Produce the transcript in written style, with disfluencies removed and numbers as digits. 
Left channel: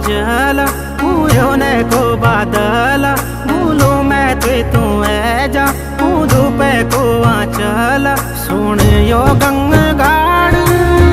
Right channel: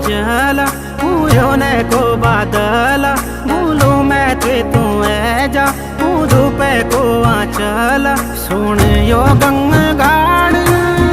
जला ने को बादला भूलू मैं तू है जा धूपे को आंचला सुन यो गंगाड़